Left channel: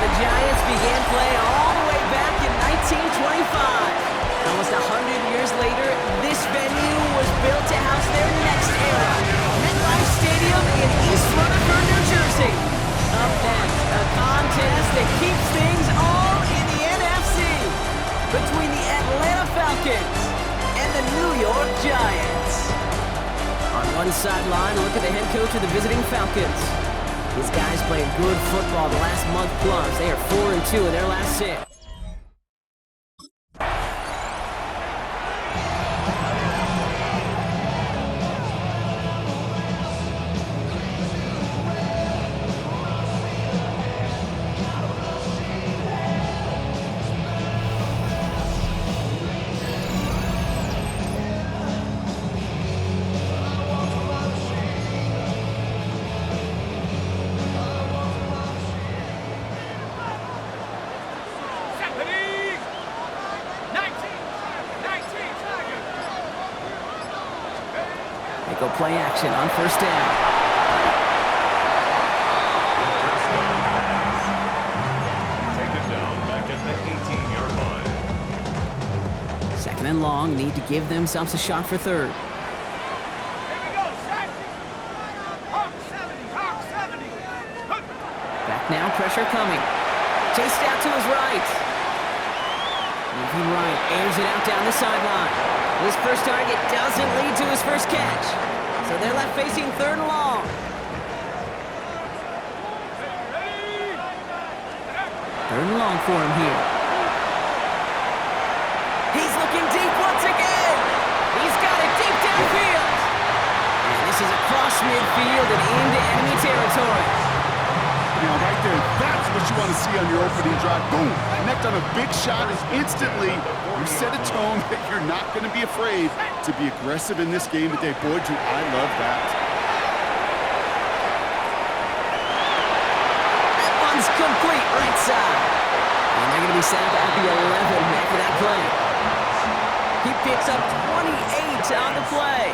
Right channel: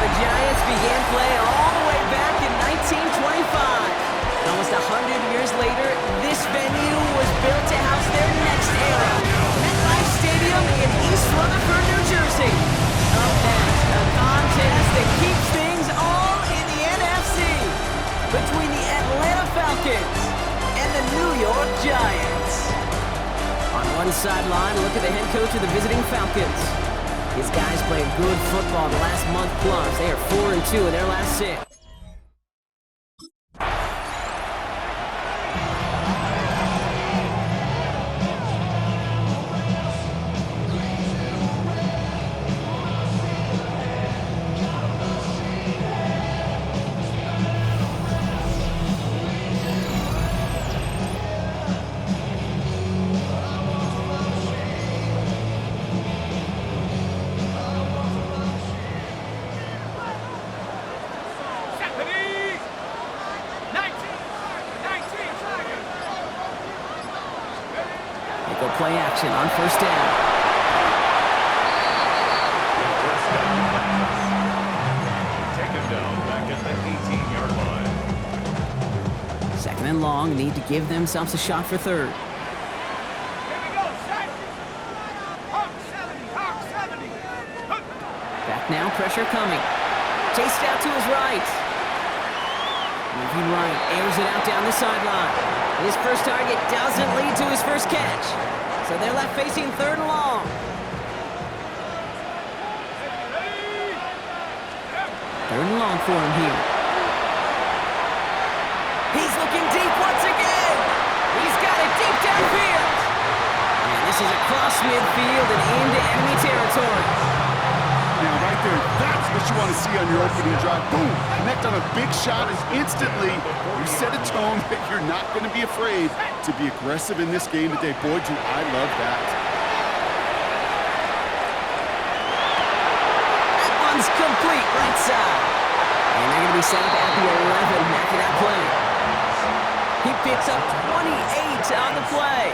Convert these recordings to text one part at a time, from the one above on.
the Giants began play all the way back in 1925. Almost 100 years later, this venue was built to house their next era. MetLife Stadium in East Rutherford, New Jersey. Up next, a contest that keeps things all in the NFC between the Atlanta Falcons and the New York Giants. On one sideline, look at the head coach of the visiting Falcons. His guys played good football the last month plus. They are 4-2 in their last 6. Go play action on first down. First down pass. Taken down back at the 18-yard line. 2nd and long, need to give themselves a shot for 3rd. Here we go, set. Hawk 70, Hawk 70. Back now, pressure coming. Chased out to his right. Moving right, airs it out down the sideline. His first target doesn't lead to his first catch. So they're left facing 3rd and long. 3rd and long for him here. He's looking deep once again. He's got it deep downfield. And this is across midfield and into enemy territory. Now, right there, that's what you want to see on your opening drive. Boom! Connect on a big shot, and instantly you set a tone that you're not going to be afraid to be aggressive in this game today. Boy, do I love that. That one's complete right side. And they're going to be set up at the 11 after that play. He picks up 28 on the play.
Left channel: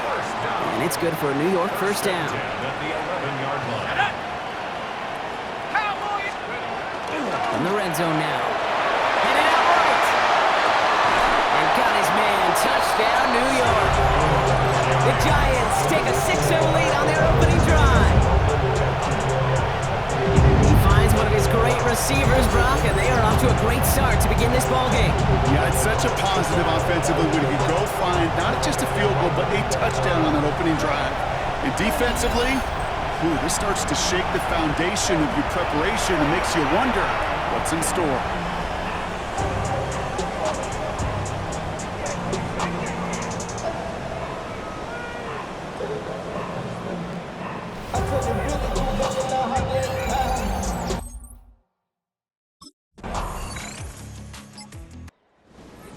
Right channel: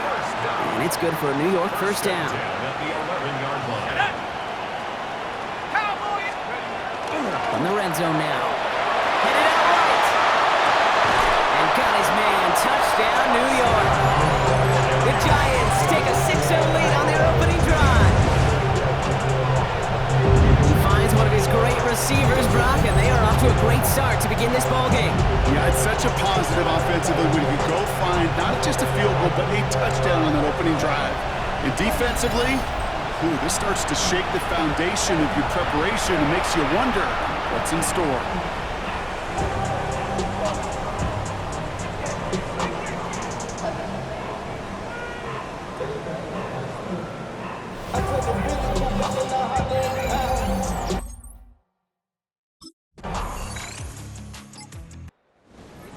And it's good for a New York first down. At the 11-yard line. In the red zone now. Headed out right. And got his man. Touchdown, New York. The Giants take a 6-0 lead on their opening drive. He finds one of his great receivers, Brock, and they are off to a great start to begin this ballgame. Yeah, it's such a positive offensively when you can go find not just a field goal, but a touchdown on that opening drive. And defensively, this starts to shake the foundation of your preparation and makes you wonder what's in store.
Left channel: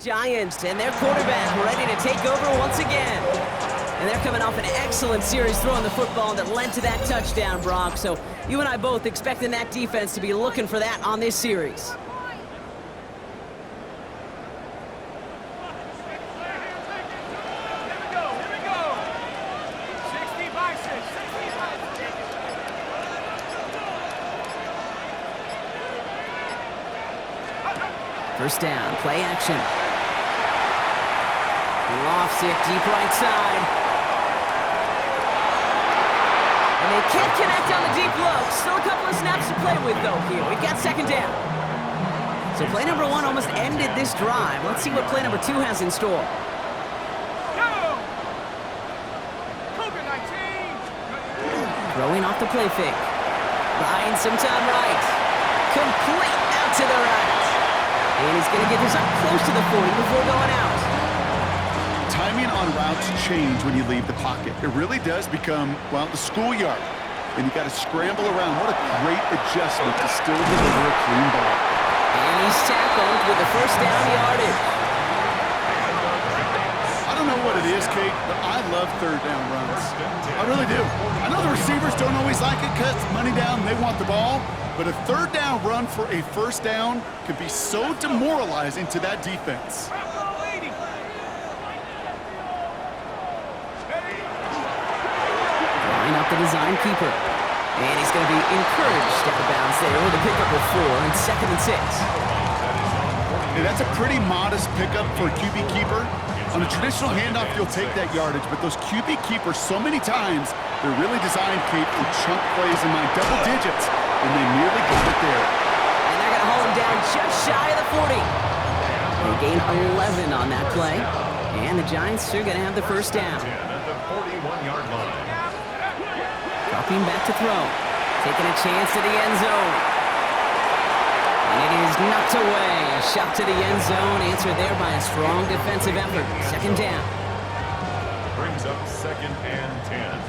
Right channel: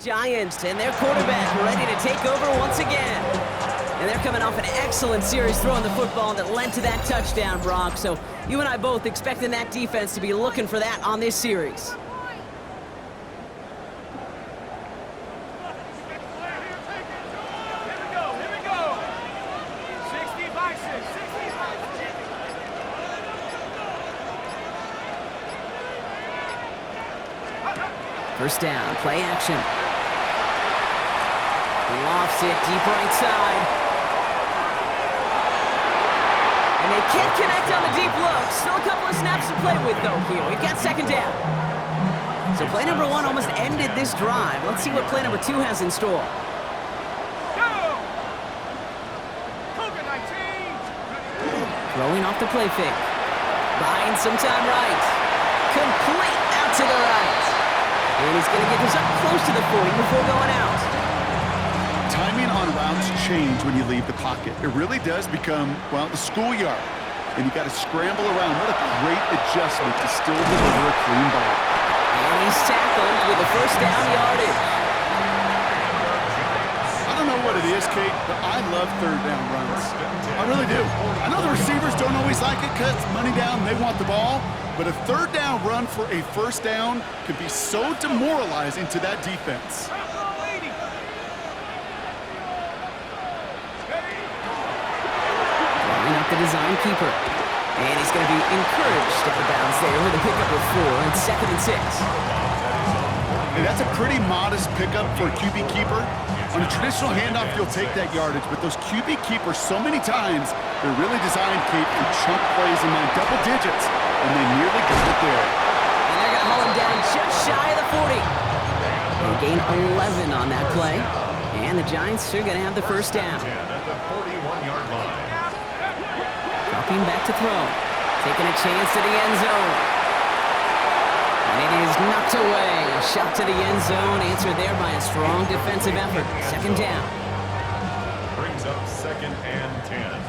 Giants and their quarterback ready to take over once again. And they're coming off an excellent series throwing the football that led to that touchdown, Brock. So you and I both expecting that defense to be looking for that on this series. Here we go. 60 by 6, 60 by 6. First down, play action. Lofts it deep right side. And they can't connect on the deep look. Still a couple of snaps to play with, though, here. We've got 2nd down. So play number 1 almost ended this drive. Let's see what play number 2 has in store. Go! Cougar 19. Throwing off the play fake. Buying some time right. Complete out to the right. And he's going to get this up close to the 40 before going out. Timing on routes change when you leave the pocket. It really does become, well, the schoolyard. And you got to scramble around. What a great adjustment to still deliver a clean ball. And he's tackled with the first down yardage. I don't know what it is, Kate, but I love 3rd down runs. I really do. I know the receivers don't always like it because money down, they want the ball. But a 3rd down run for a first down can be so demoralizing to that defense. Drawing up the design keeper. And he's going to be encouraged out of bounds there with a pickup of 4 and 2nd and 6. Hey, that's a pretty modest pickup for a QB keeper. On a traditional handoff, you'll take that yardage, but those QB keepers, so many times, they're really designed, Kate, for chunk plays in my double digits, and they nearly got it there. And they're going to haul him down just shy of the 40. They gain 11 on that play, and the Giants are going to have the first down. 10 at the 41-yard line. Dropping back to throw. Taking a chance to the end zone. And it is knocked away. A shot to the end zone, answered there by a strong defensive effort. 2nd down. Brings up 2nd and 10.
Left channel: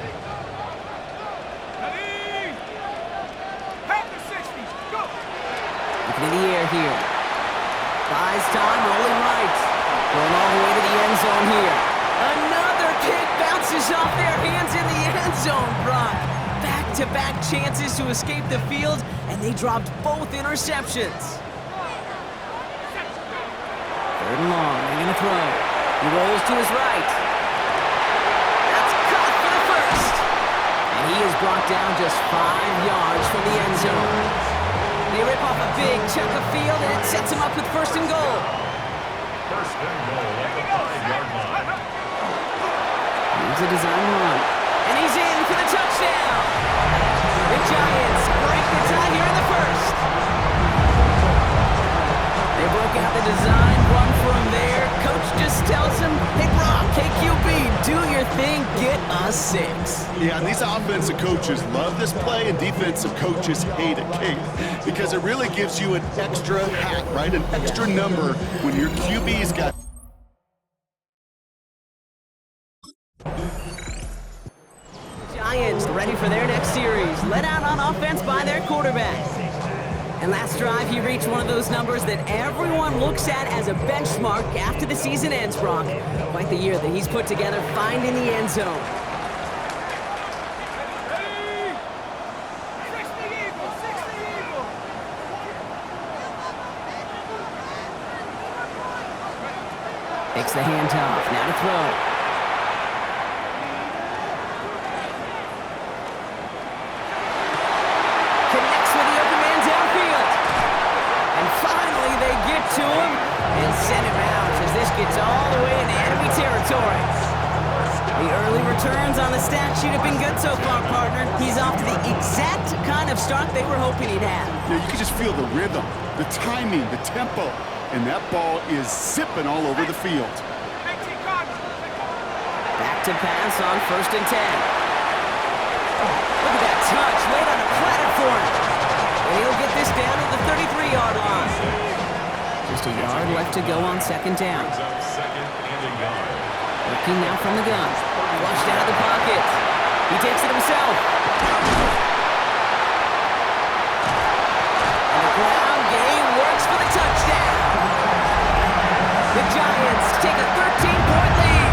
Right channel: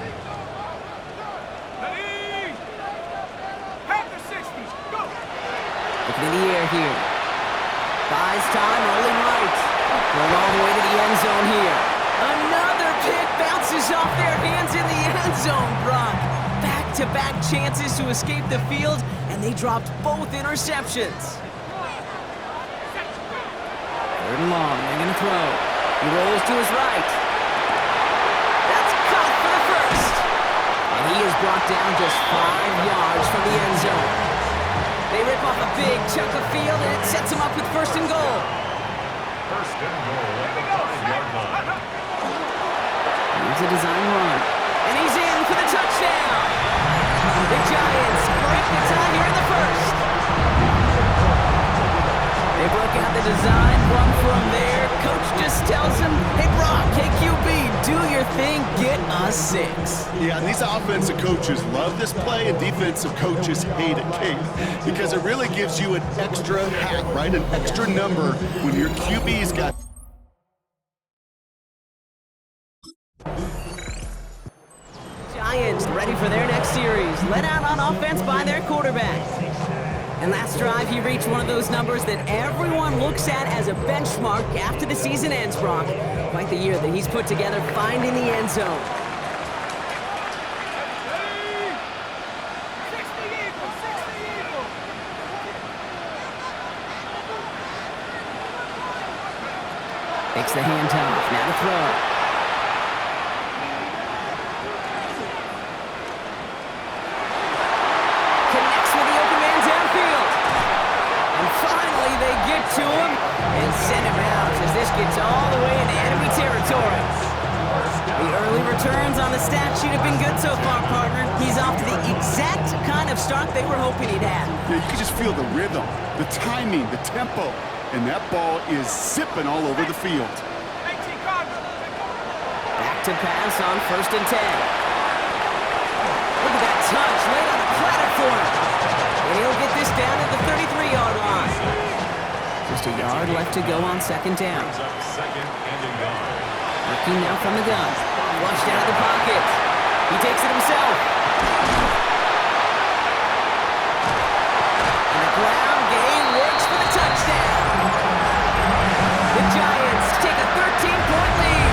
Ready? Half the 60. Go. Looking in the air here. Buys time, rolling right. Going all the way to the end zone here. Another pick bounces off their hands in the end zone, Brock. Back-to-back chances to escape the field, and they dropped both interceptions. 3rd and long, they're going to throw. He rolls to his right. That's caught for the first. And he is brought down just 5 yards from the end zone. They rip off a big chunk of field, and it sets him up with 1st and goal. 1st and goal at the 5-yard line. Here's a design run. And he's in for the touchdown. The Giants break the tie here in the 1st. They broke out the design run from there. Coach just tells him, hey, Brock, KQB, do your thing, get a 6. Yeah, and these offensive coaches love this play, and defensive coaches hate it, Kate, because it really gives you an extra hat, right? An extra number when your QB's got... Giants ready for their next series, led out on offense by their quarterback. And last drive, he reached one of those numbers that everyone looks at as a benchmark after the season ends, Brock. Quite the year that he's put together, finding the end zone. Ready? 60 Eagles, 60 Eagles. Takes the handoff, now to throw. Connects with the open man downfield. And finally they get to him and send him out as this gets all the way into enemy territory. The early returns on the stat sheet have been good so far, partner. He's off to the exact kind of start they were hoping he'd have. Yeah, you can just feel the rhythm, the timing, the tempo, and that ball is zipping all over the field. Back to pass on 1st and 10. Look at that touch, laid on a platter for him. And he'll get this down to the 33-yard line. Just a yard left to go on 2nd down. Brings up 2nd and a yard. Working now from the gun. Flushed out of the pocket. He takes it himself. And the ground game works for the touchdown. The Giants take a 13-point lead.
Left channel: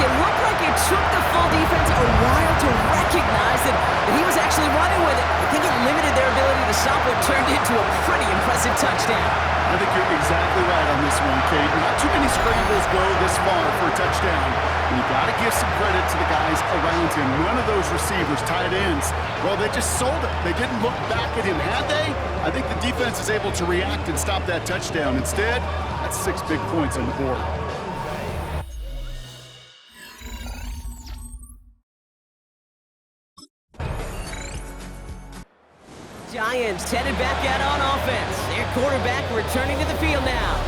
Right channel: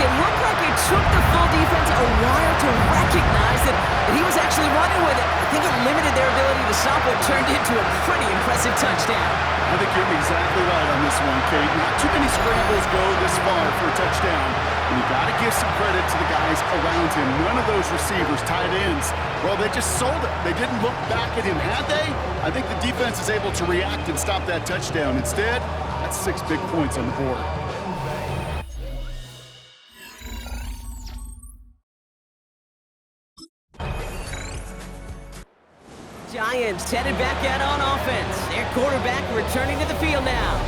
It looked like it took the full defense a while to recognize that he was actually running with it. I think it limited their ability to stop what turned into a pretty impressive touchdown. I think you're exactly right on this one, Kate. Not too many scrambles go this far for a touchdown. And you got to give some credit to the guys around him. None of those receivers, tight ends, well, they just sold it. They didn't look back at him, had they? I think the defense is able to react and stop that touchdown. Instead, that's 6 big points on the board. Giants headed back out on offense. Their quarterback returning to the field now.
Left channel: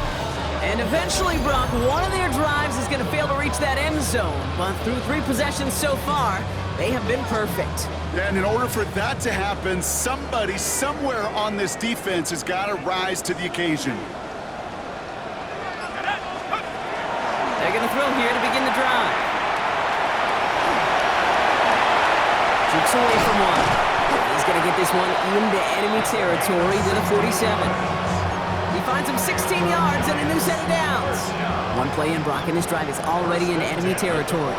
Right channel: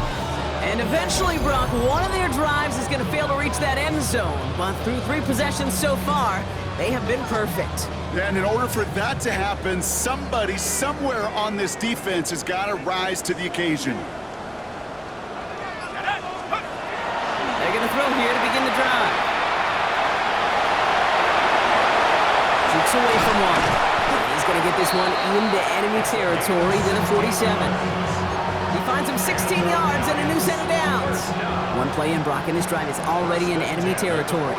And eventually, Brock, one of their drives is going to fail to reach that end zone. But through 3 possessions so far, they have been perfect. And in order for that to happen, somebody somewhere on this defense has got to rise to the occasion. They're going to throw here to begin the drive. Jukes away from one. He's going to get this one into enemy territory to the 47. He finds him 16 yards and a new set of downs. One play in, Brock, and this drive is already in enemy territory.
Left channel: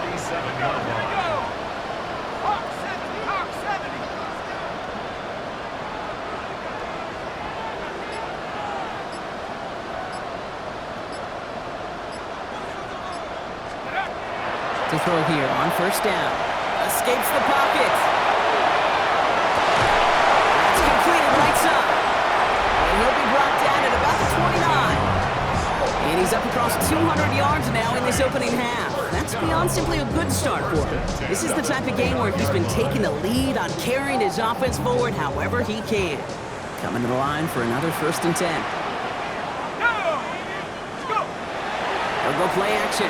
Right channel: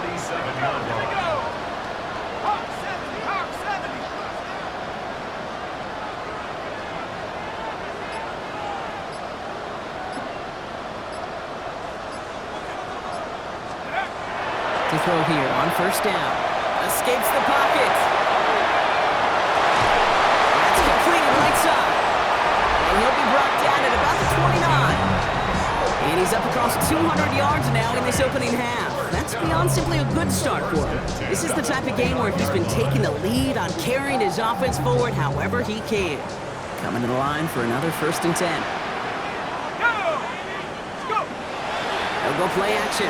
Hawk 70, Hawk 70. To throw here on 1st down. Escapes the pocket. That's completed right side. And he'll be brought down at about the 29. And he's up across 200 yards now in this opening half. That's beyond simply a good start for him. This is the type of game where he's been taking the lead on carrying his offense forward however he can. Coming to the line for another 1st and 10. Go! He'll go play action.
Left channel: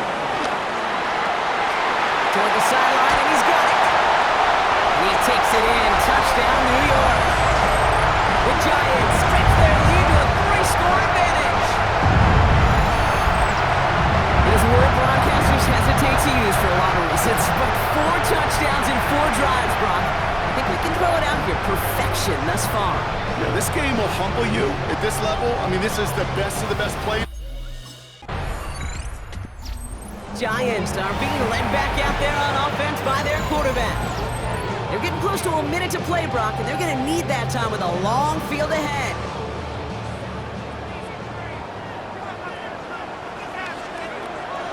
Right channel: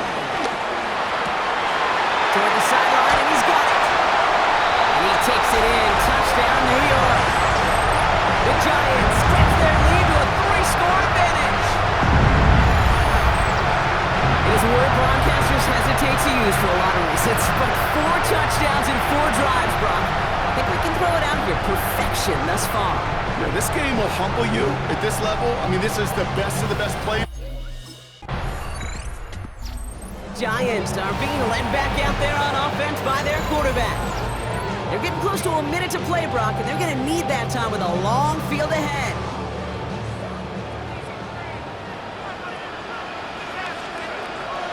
Toward the sideline, and he's got it. And he takes it in. Touchdown, New York. The Giants stretch their lead to a 3-score advantage. It is a word broadcasters hesitate to use for a lot of reasons, but 4 touchdowns in 4 drives, Brock. I think we can throw it out here. Perfection thus far. Yeah, this game will humble you at this level. I mean, this is the best of the best play. Giants are being led back out there on offense by their quarterback. They're getting close to a minute to play, Brock, and they're going to need that time with a long field ahead.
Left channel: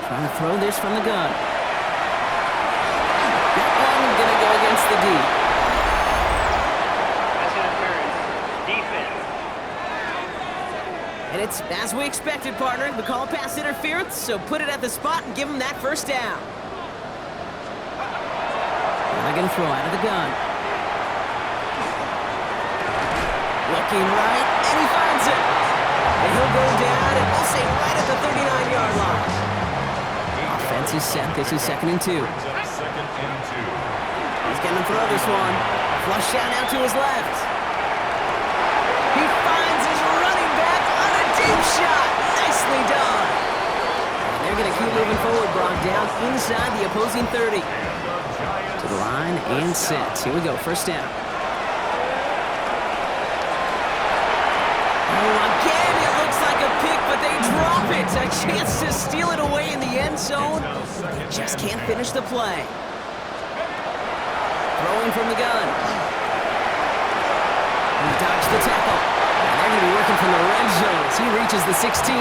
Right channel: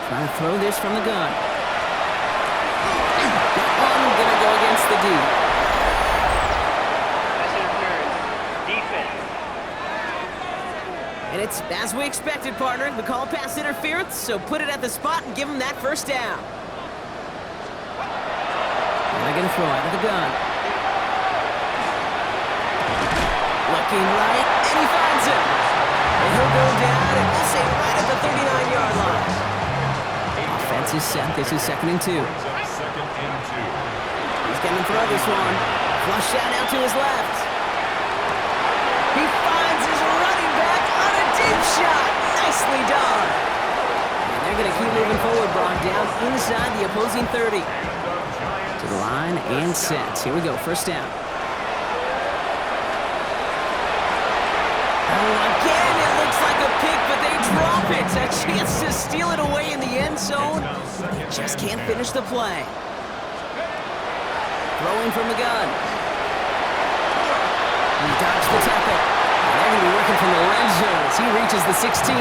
Trying to throw this from the gun. That one going to go against the D. Pass interference. Defense. And it's as we expected, partner. We call pass interference, so put it at the spot and give him that 1st down. Now going to throw out of the gun. Looking right, and he finds him. And he'll go down, and we'll say right at the 39-yard line. Offense is set. This is 2nd and 2. Brings up 2nd and 2. He's going to throw this one. Flush down out to his left. He finds his running back on a deep shot. Nicely done. And they're going to keep moving forward, Brock, down inside the opposing 30. To the line and set. Here we go, 1st down. Oh, again, it looks like a pick, but they drop it. A chance to steal it away in the end zone. They just can't finish the play. Throwing from the gun. He dodged the tackle. And they're going to be working from the red zone as he reaches the 16.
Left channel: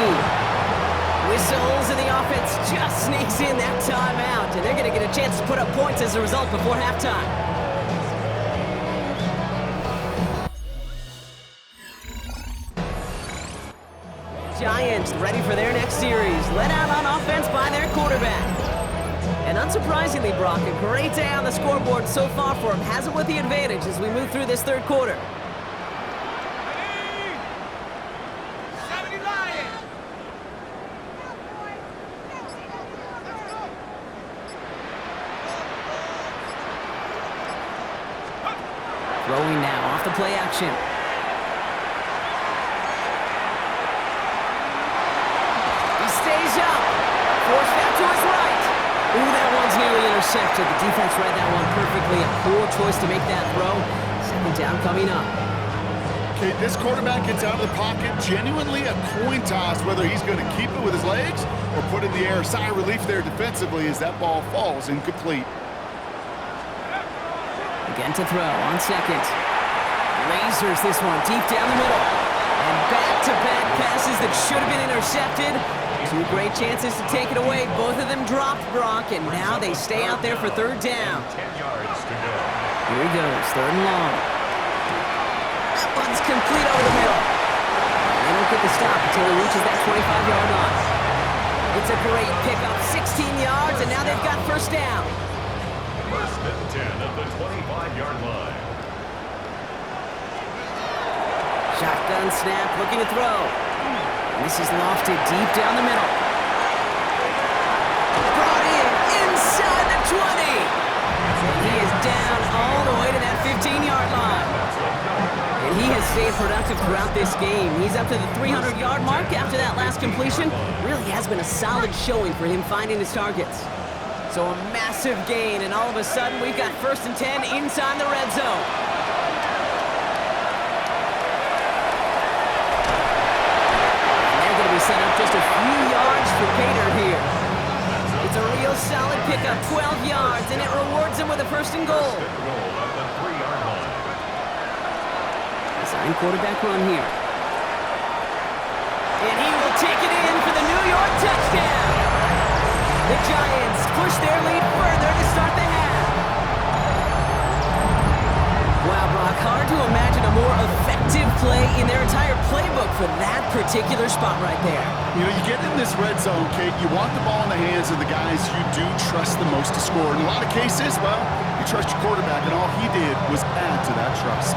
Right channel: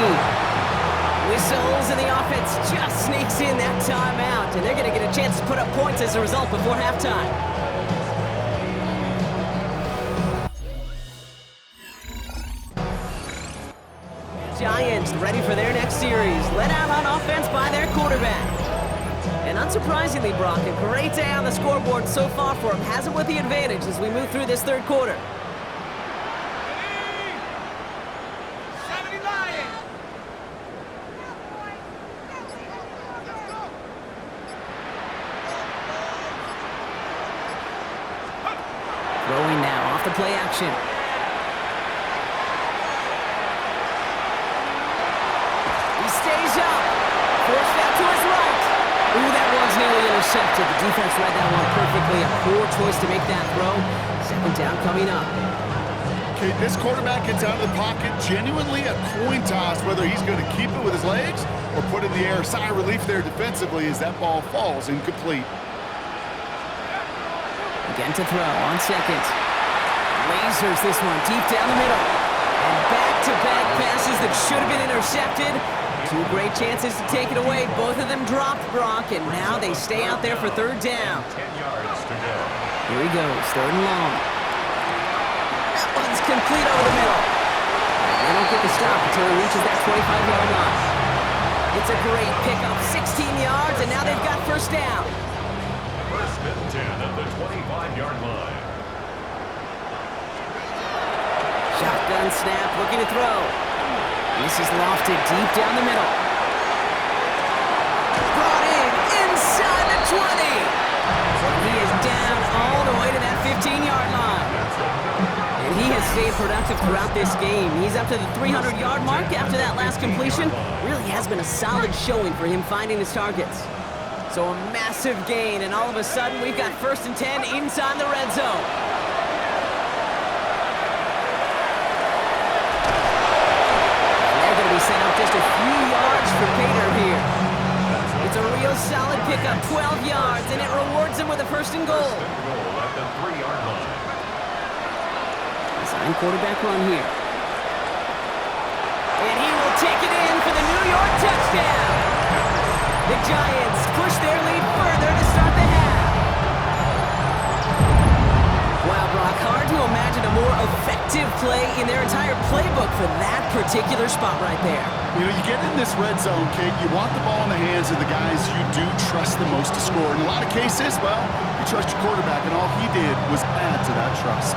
Whistles, and the offense just sneaks in that timeout. And they're going to get a chance to put up points as a result before halftime. Giants ready for their next series. Led out on offense by their quarterback. And unsurprisingly, Brock, a great day on the scoreboard so far for him. Has it with the advantage as we move through this 3rd quarter. 70 Lions! Throwing now off the play action. He stays up. Forced out to his right. Ooh, that one's nearly intercepted. The defense read that one perfectly. A poor choice to make that throw. 2nd down coming up. Okay, this quarterback gets out of the pocket. Genuinely a coin toss whether he's going to keep it with his legs or put it in the air. Sigh of relief there defensively as that ball falls incomplete. Again to throw on 2nd. Lasers this one deep down the middle. And back-to-back passes that should have been intercepted. 2 great chances to take it away. Both of them dropped, Brock, and now they stay out there for 3rd down. 10 yards to go. Here he goes, 3rd and long. That one's complete over the middle. And they don't get the stop until he reaches that 25-yard line. It's a great pickup, 16 yards, and now they've got 1st down. 1st and 10 at the 25-yard line. Shotgun snap, looking to throw. And this is lofted deep down the middle. Brought in inside the 20. And he is down all the way to that 15-yard line. And he has stayed productive throughout this game. He's up to the 300-yard mark after that last completion. Really has been a solid showing for him finding his targets. So a massive gain, and all of a sudden we've got 1st and 10 inside the red zone. Be set up just a few yards for Pater here. It's a real solid pickup, 12 yards, and it rewards him with a 1st and goal. 1st and goal at the 3-yard line. Design quarterback run here. And he will take it in for the New York touchdown. The Giants push their lead further to start the half. Brock. Hard to imagine a more effective play in their entire playbook for that particular spot right there. You know, you get in this red zone, Kate, you want the ball in the hands of the guys you do trust the most to score. In a lot of cases, well, you trust your quarterback, and all he did was add to that trust.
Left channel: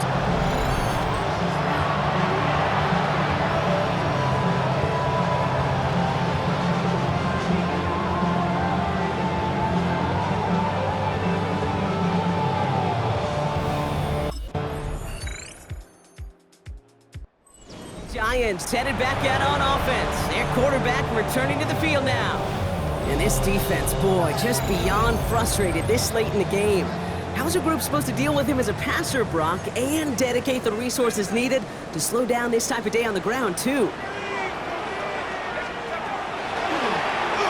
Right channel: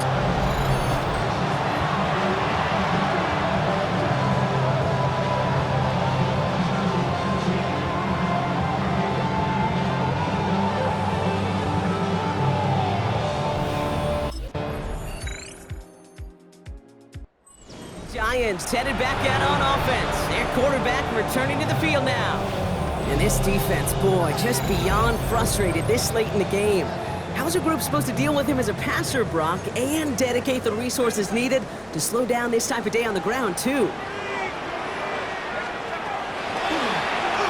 Giants headed back out on offense. Their quarterback returning to the field now. And this defense, boy, just beyond frustrated this late in the game. How's a group supposed to deal with him as a passer, Brock, and dedicate the resources needed to slow down this type of day on the ground, too?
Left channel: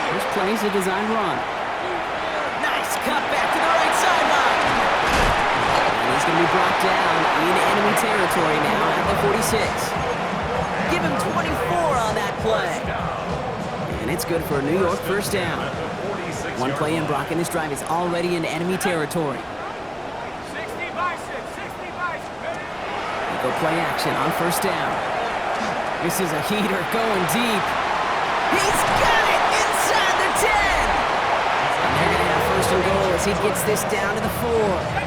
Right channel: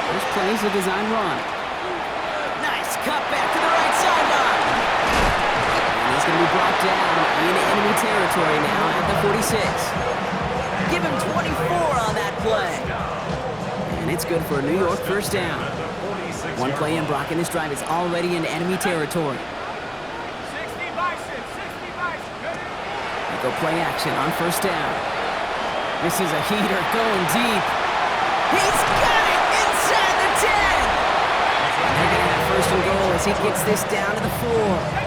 First play's a design run. Nice cut back to the right sideline. And he's going to be brought down in enemy territory now at the 46. Give him 24 on that play. And it's good for a New York first down. One play in, Brock, and this drive is already in enemy territory. 60 by 6, 60 by 6. They go play action on first down. This is a heater going deep. He's got it inside the 10. And they're going to have first and goal as he gets this down to the 4.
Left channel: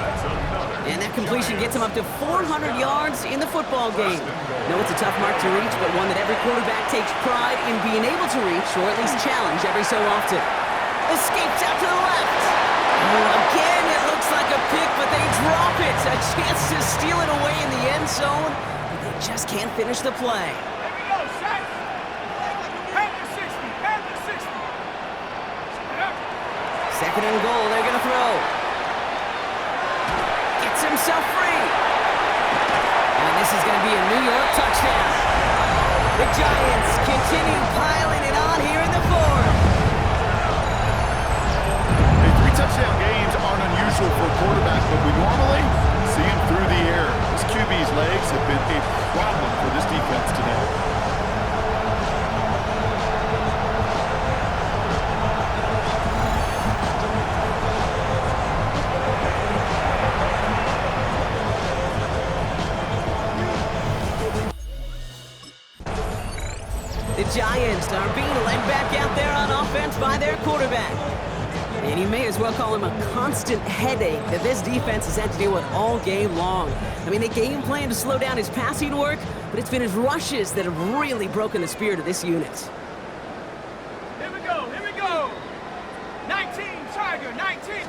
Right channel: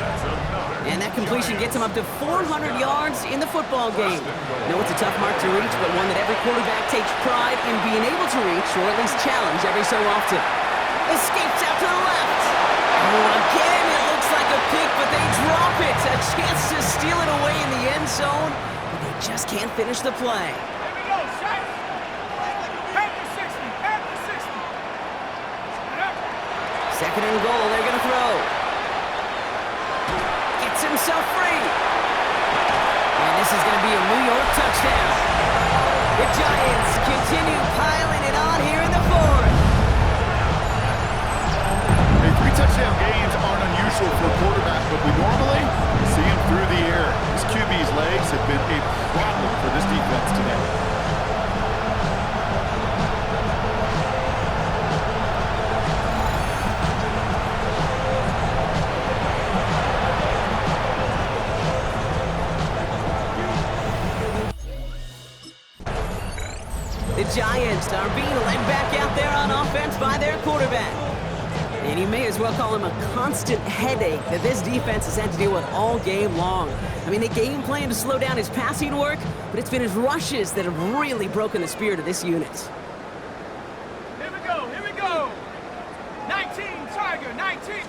And that completion gets him up to 400 yards in the football game. No, it's a tough mark to reach, but one that every quarterback takes pride in being able to reach, or at least challenge every so often. Escapes out to the left. Oh, again, it looks like a pick, but they drop it. A chance to steal it away in the end zone, but they just can't finish the play. Here we go, set. Panther 60, Panther 60. Second and goal, they're going to throw. Gets himself free. And this is going to be a New York touchdown. The Giants continue piling it on here in the fourth. Hey, 3 touchdown games aren't unusual for a quarterback, but we normally see him through the air. This QB's legs have been a problem for this defense today. The Giants are being led back out there on offense by their quarterback. And you may as well call him a constant headache that this defense has had to deal with all game long. I mean, they game plan to slow down his passing work, but it's been his rushes that have really broken the spirit of this unit. Here we go, here we go. 19, Tiger, 19.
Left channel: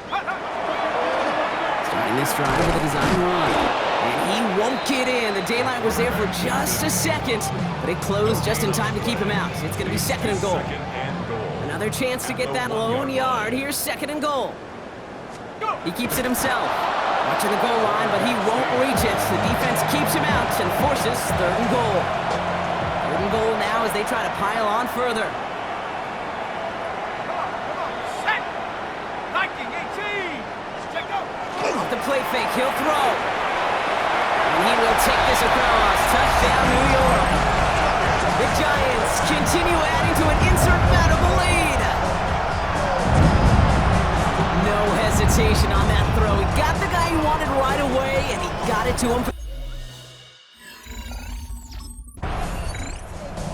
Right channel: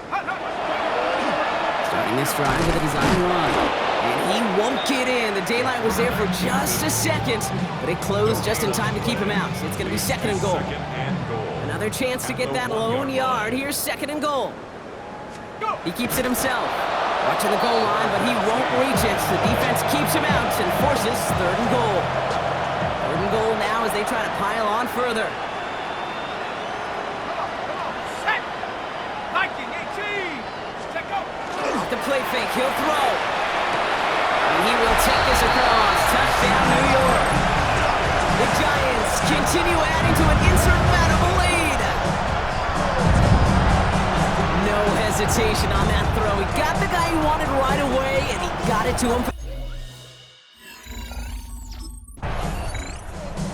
Starting this drive with a design run. And he won't get in. The daylight was there for just a second, but it closed just in time to keep him out. It's going to be second and goal. Another chance to get that lone yard. Here's second and goal. He keeps it himself. Watching the goal line, but he won't reach it. The defense keeps him out and forces third and goal. Third and goal now as they try to pile on further. Come on, set. Viking 18. Check go. Off the play fake, he'll throw. And he will take this across. Touchdown, New York. The Giants continue adding to an insurmountable lead. No hesitation on that throw. He got the guy he wanted right away, and he got it to him.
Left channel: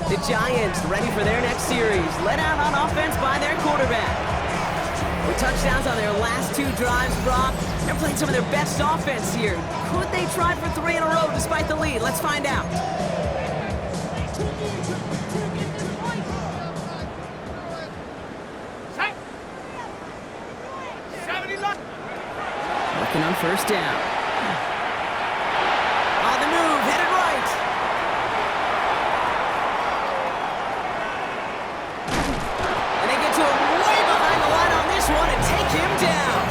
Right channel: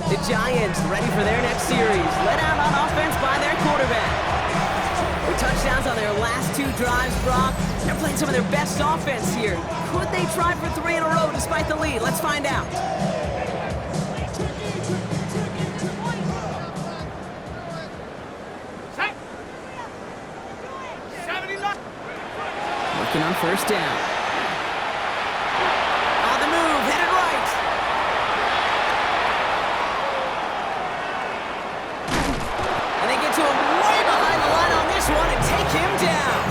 The Giants ready for their next series. Led out on offense by their quarterback. With touchdowns on their last 2 drives, Brock, they're playing some of their best offense here. Could they try for 3 in a row despite the lead? Let's find out. Set. 79. Working on first down. On the move, headed right. And they get to him way behind the line on this one and take him down.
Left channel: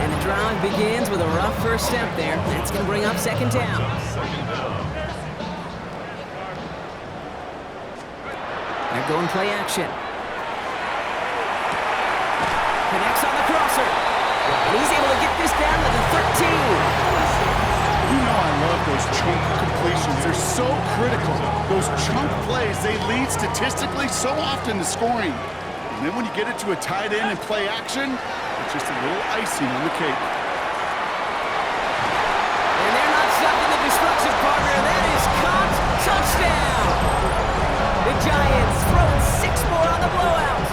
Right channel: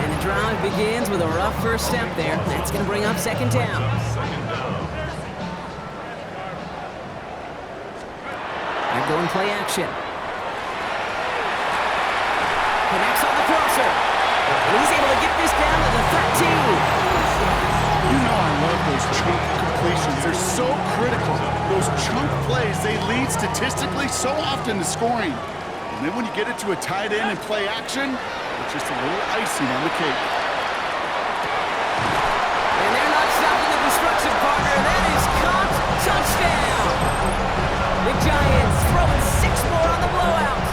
And the drive begins with a rough first step there. That's going to bring up second down. They're going play action. Connects on the crosser. And he's able to get this down to the 13. You know I love those chunk completions. They're so critical. Those chunk plays, they lead statistically so often to scoring. And then when you get it to a tight end and play action, it's just a little icing on the cake. And stopping the destruction, partner. That is caught. Touchdown. The Giants throwing 6 more on the blowout.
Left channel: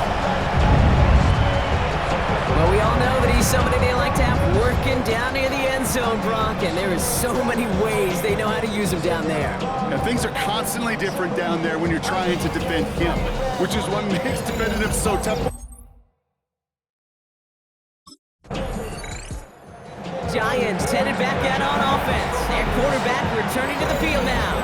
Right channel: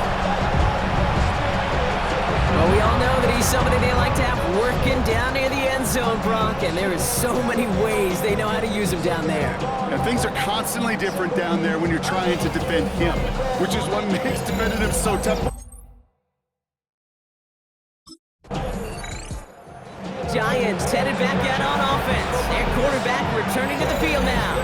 Well, we all know that he's somebody they like to have working down near the end zone, Brock, and there is so many ways they know how to use him down there. Now, things are constantly different down there when you're trying to defend him, which is what makes defending him so tough. Giants headed back out on offense. Their quarterback returning to the field now.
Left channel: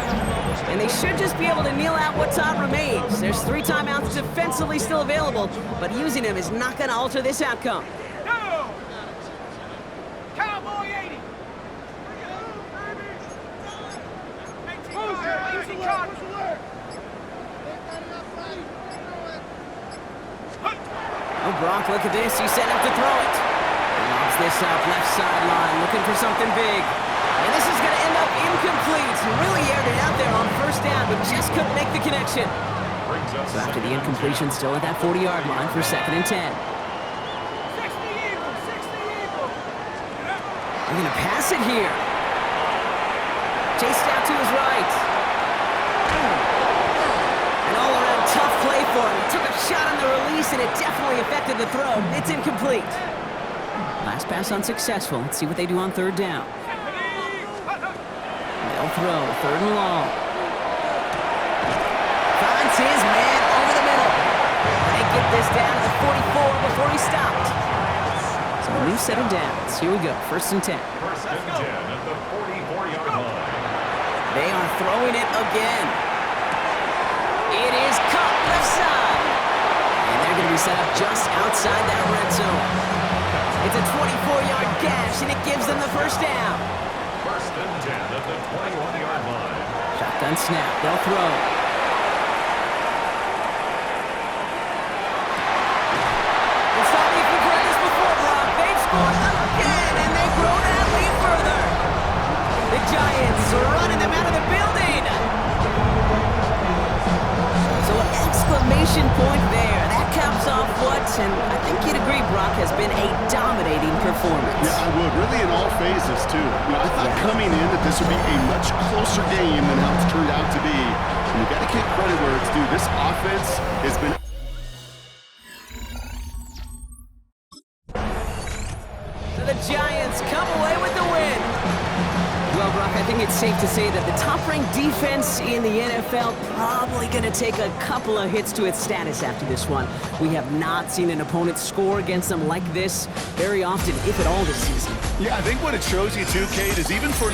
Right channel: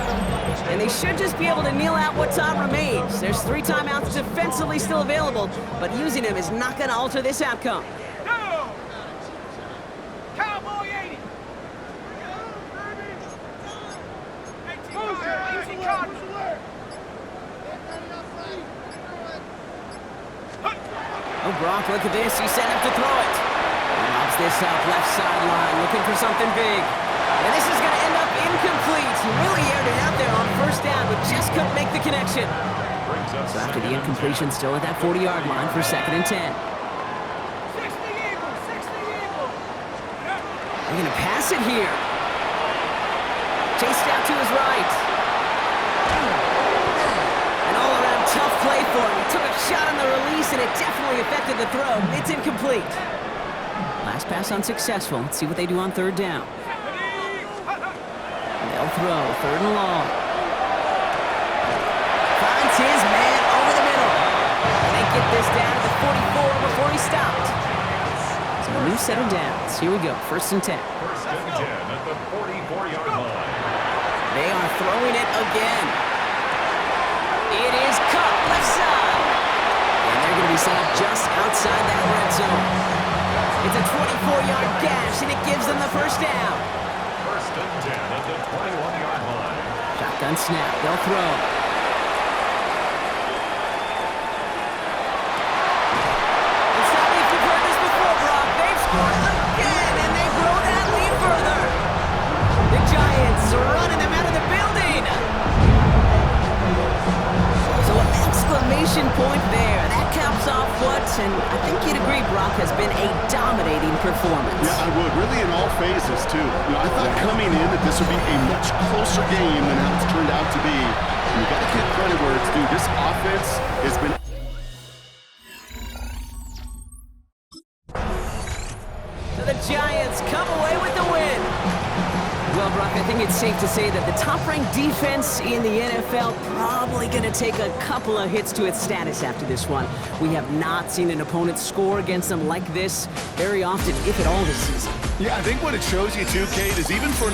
And they should just be able to kneel out what time remains. There's 3 timeouts defensively still available, but using them is not going to alter this outcome. Go! Cowboy 80. 18 Cardinals. Oh, Brock, look at this. He's setting up to throw it. He lobs this up left sideline, looking for something big. And this is going to end up incomplete. He really aired it out there on first down, but just couldn't make the connection. So after the incompletion, still at that 40-yard line for 2nd and 10. 60 Eagles, 60 Eagles. They're going to pass it here. Chased out to his right. An all-around tough play for him. He took a shot on the release, and it definitely affected the throw. It's incomplete. Last pass unsuccessful. Let's see what they do on 3rd down. They'll throw 3rd and long. Finds his man over the middle. And they get this down to the 44 before he stopped. So a new set of downs. Here we go. 1st and 10. 1st and 10 at the 44-yard line. They are throwing it again. It is caught left side. And they're going to be set up just outside that red zone. It's a 24-yard gash, and it gives them the 1st down. 1st and 10 at the 21-yard line. Shotgun snap. They'll throw. And stop me if you've heard this before, Brock. They've scored again, and they grow that lead further. The Giants are running them out of the building. So an exclamation point there. That caps off what, and I think you'd agree, Brock, has been a dominating performance. Yeah, I would. Really in all phases, too. You know, I thought coming in that this would be a much closer game than how it's turned out to be. And you got to give credit where it's due. This offense has been... So the Giants come away with the win. Well, Brock, I think it's safe to say that the top-ranked defense in the NFL probably going to take a couple of hits to its status after this one. We have not seen an opponent score against them like this very often, if at all, this season. Yeah, I think what it shows you, too, Kate, is even for an